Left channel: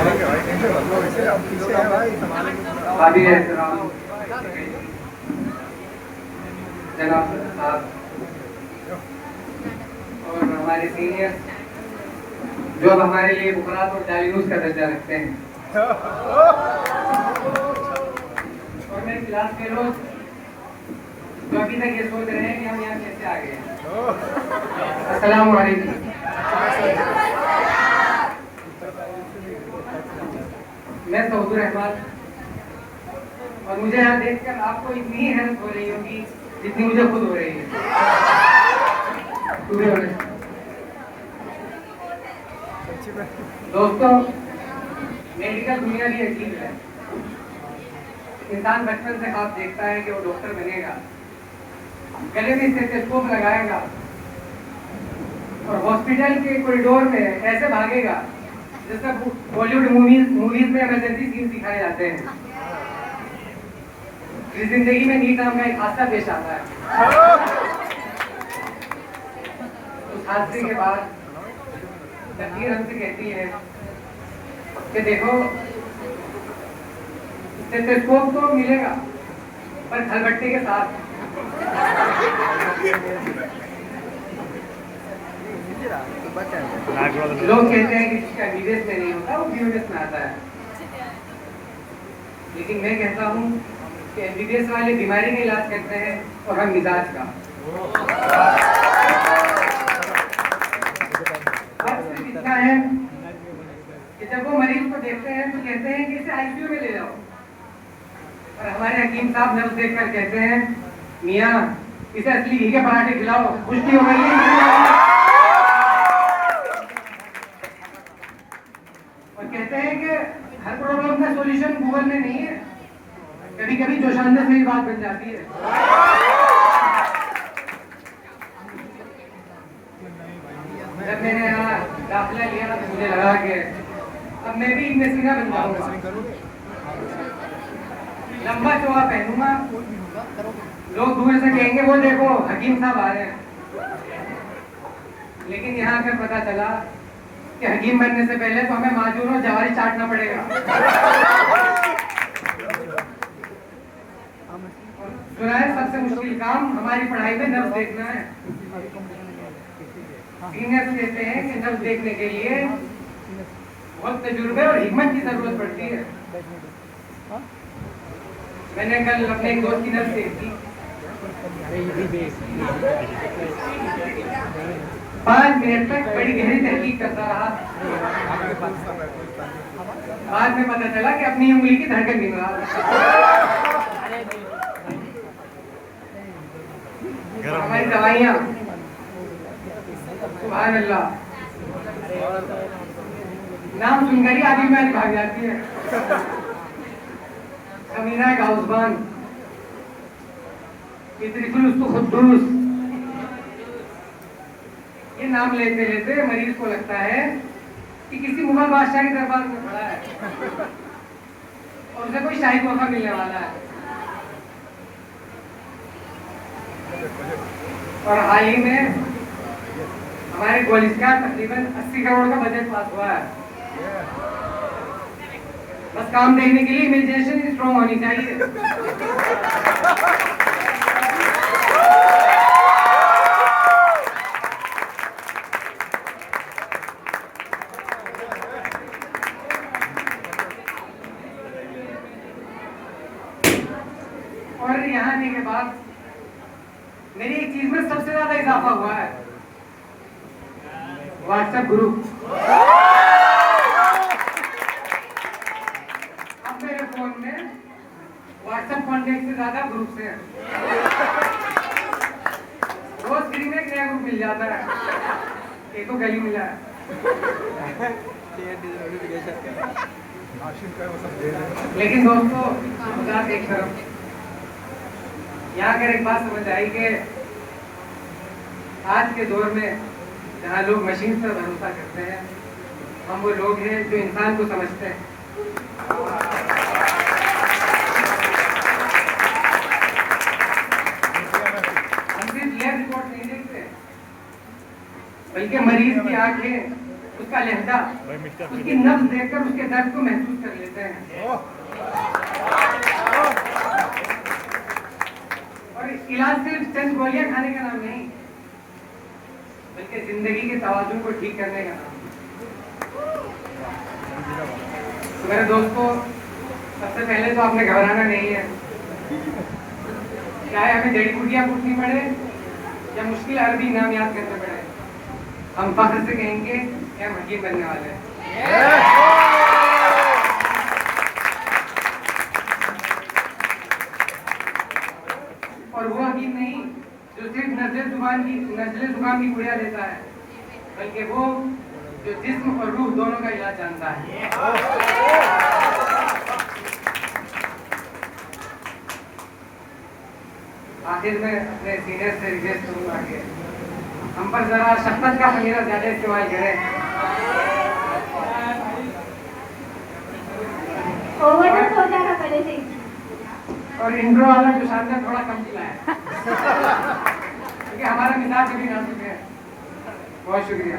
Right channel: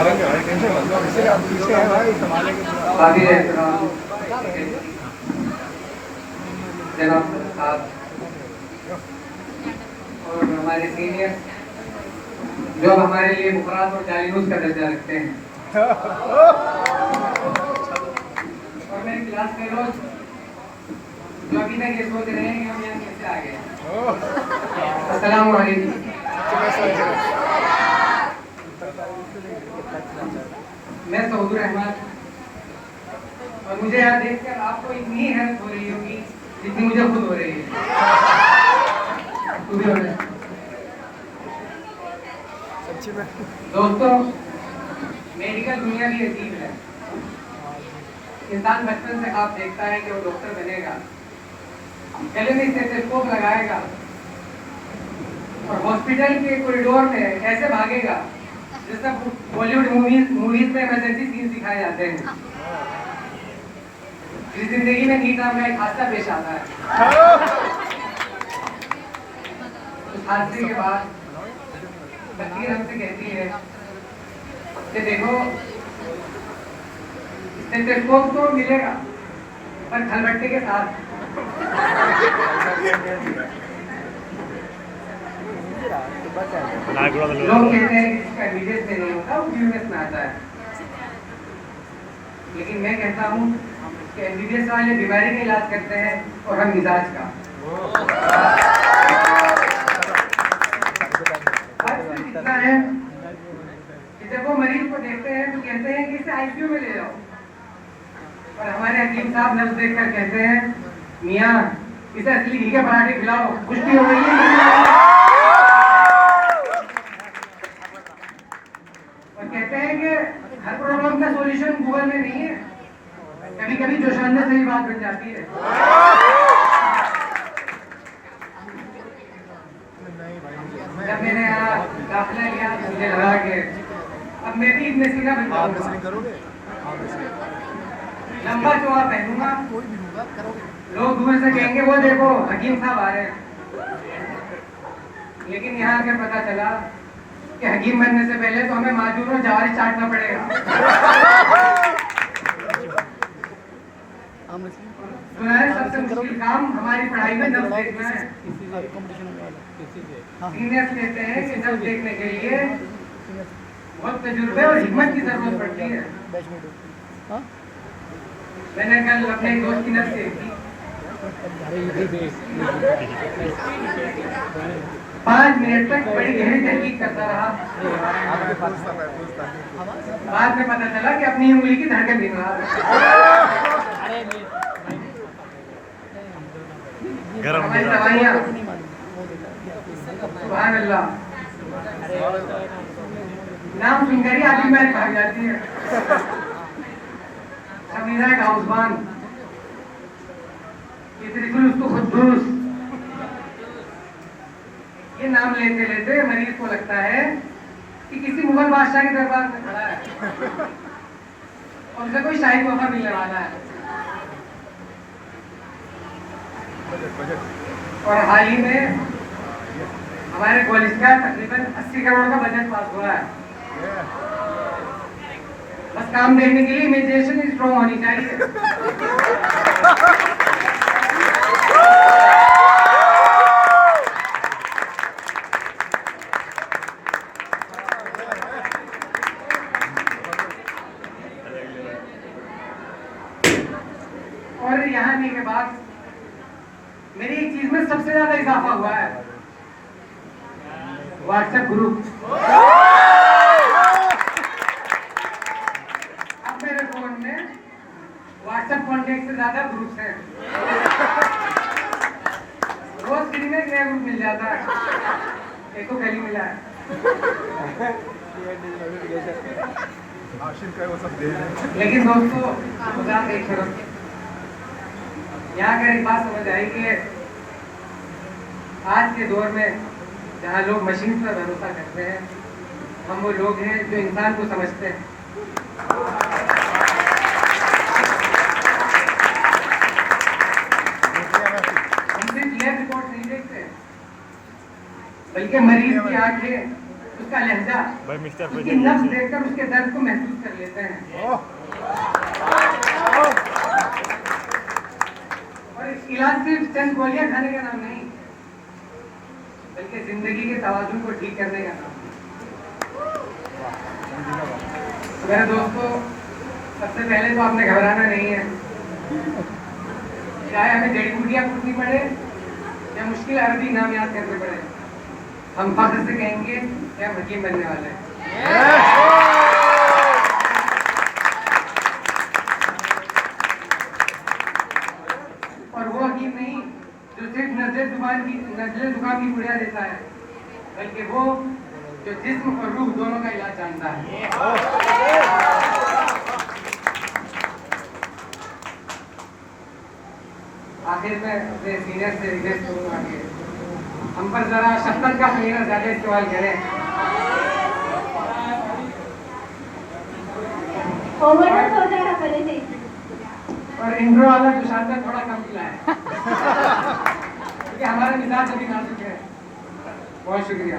काबिल एहतराम जनाब साहब और हमारे सीनियर जो अब हमारे लिए बुकरात और जालिनूस का दर्जा रखते हैं, और मेरे क्लास फेलोज जो अभी तक ये सोच रहे हैं कि हम यहाँ कैसे आ गए। अस्सलाम वालेकुम। मैं सऊद रहमान, और मुझे यहाँ देखकर आपको इतनी हैरत हो रही होगी जितनी मुझे खुद हो रही है। दोस्तों, मेडिकल दुनिया भी अजीब है। इंसान बचपन से ख्वाब देखता है कि वो डॉक्टर बनेगा, गले में स्टेथोस्कोप लगाएगा और हॉस्पिटल के कॉरिडोर में ऐसे भागेगा जैसे बॉलीवुड मूवीज में इमरजेंसी सीन दिखाए जाते हैं। इस जिंदगी में नीट नाम का एक हादसा पेश आता है। उस हादसे के बाद तकदीर हमसे कहती है कि देखो, स्टेथोस्कोप तो मिलेगा पर खलबट्टे के साथ। लोग कहते हैं कि जिसका विदेश में नहीं होता वो यूएस में आता है, लेकिन मैं कहता हूँ कि एमबीबीएस वाले बीमारी का इलाज करते हैं और हम मिजाज का। इतना है कि जब वो मरीज को देखते हैं तो कहते हैं कि इसे आईसीयू में ले जाओ, और हमारे हकीम साहब नब्ज देखकर कहते हैं मियाँ इसे असली घी के पराठे खिलाओ, पुष्टि हो गई है। और कहते हैं कि हर प्रॉब्लम का सॉल्यूशन गूगल में नहीं है, कभी कभी जोशानने से ही बात बन जाती है। जब मैंने यहाँ दाखिला लिया मुझे लगा कि अब मैं भी इब्न सीना बन जाऊंगा, लंबा चौड़ा पहनूंगा, लोग दूर से कहेंगे वो देखो हकीम साहब आ रहे हैं। लेकिन यहाँ आकर पता चला कि हकीम बनने से पहले तो हमें माजूर और जवारी चाटना पड़ेगा। सुना है सबसे मुश्किल काम हमारी पढ़ाई में नब्ज देखना है। सीनियर्स कहते हैं कि नब्ज देखने के लिए बहुत तजुर्बे और हिम्मत की जरूरत पड़ती है। मैंने कल अपने एक दोस्त की नब्ज देखी, 5 मिनट तक बड़ी गहरी तहकीक करता रहा। बाद में पता चला कि अपनी उंगली की धड़कन नहीं रहा। हमारी दवाइयाँ सुभान अल्लाह नाम सुनकर ही आदमी में भाग जाती है। समीना गाउसबान, खुद्दूस, ये नाम लेते लेते मरीज को लगता है कि किसी मुगल बादशाह के दरबार में खड़ा है और उसे कोई शाही तोहफा मिलने वाला है। और हाल ही में हमारे कॉलेज का तकरीबन 80 करोड़ का बजट पास हुआ है। बस काम देखने के लिए इमेजिनेशन स्ट्रॉन्ग होनी चाहिए। और यहाँ आने के बाद मेरी एक चीज में सबसे ज्यादा इजाफा हुआ है, व्हाट्सएप ग्रुप। अब मेरे फोन में व्हाट्सएप कॉन्टेक्ट से ज्यादा ग्रुप्स हैं। रोज फ्री में एक नया ग्रुप मिल जाता है, एक तो गली मिला है। लेकिन दोस्तों मजाक एक तरफ, यहाँ कर एक बात समझ आई कि आज के दौर में जहाँ लोग मशीन पर भरोसा करते हैं, हम वो लोग हैं जो इंसान को समझते हैं। हम सिर्फ लैब रिपोर्ट नहीं देखते, बल्कि मरीज की आंखें, उसका लहजा, उसकी नब्ज देखकर उसके दर्द को महसूस कर लेते हैं। और इलाज सिर्फ चंद गोलियां खाने का नाम नहीं, बल्कि जिंदगी के तवाज़ुन को ठीक करने का नाम। मेरे दोस्तों, सबसे पहले तो आपने घबराना नहीं है। चाहे हमें जड़ी बूटियां कूटनी पड़े या मुश्किल अरबी नाम याद करने पड़े, हम फख्र से कहेंगे कि हम हकीम बनने वाले हैं। और वो हकीम नहीं जो सिर्फ नजले जुकाम की गुड़िया देता है, बल्कि वो जो जिस्म और रूह दोनों का इलाज जानता है। आखिर में अपने सीनियर से रिक्वेस्ट करूंगा कि हम पर जरा शफकत का खलीना ज्यादा इस्तेमाल करें। ओवरडोज हो जा रहा पहले से ही। और इंट्रो वाला जो शानदार थोड़ा कम खिलाएं, क्योंकि हमारा मिजाज अभी नाजुक है। बहुत शुक्रिया।